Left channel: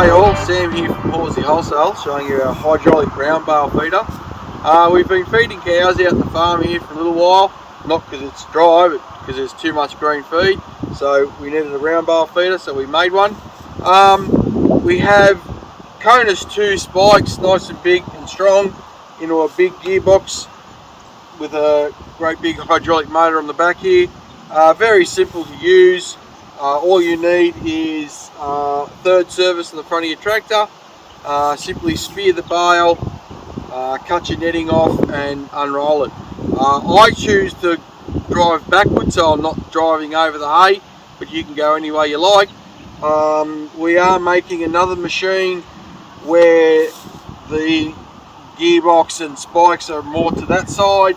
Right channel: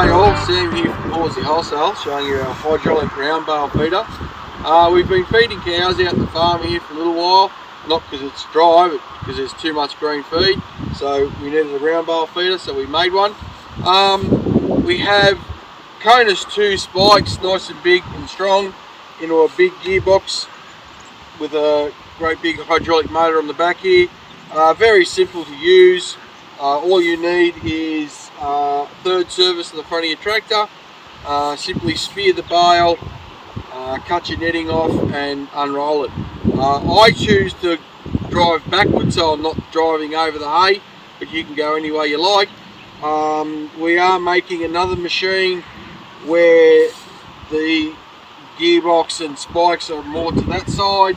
G'day all, Sam here from Horsley Wholesale, showing you our hydraulic round bale feeder. We've been feeding cows out the farm here for a little while, not because it's dry, but because there's too much green feed. So we needed a round bale feeder, so we made one. We have Conus 2 spikes, nice and big and strong, into a big gearbox with a great big hydraulic motor on the back here. Very simple to use. All you need is third service on the front of your tractor. Simply spear the bale, cut your netting off and unroll it. I choose to drive backwards, so I'm not driving over the hay, but you can go any way you like. We are making another machine where the gearbox and spikes are more to that side,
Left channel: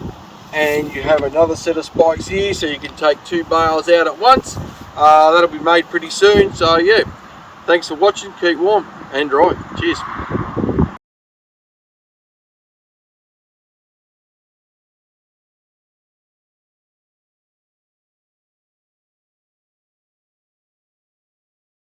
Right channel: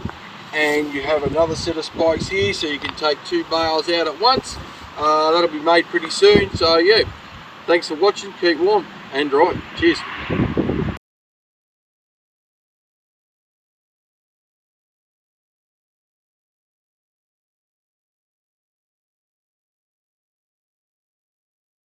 and you have another set of spikes here, so you can take two bales out at once. That'll be made pretty soon. So yeah, thanks for watching, keep warm and dry. Cheers.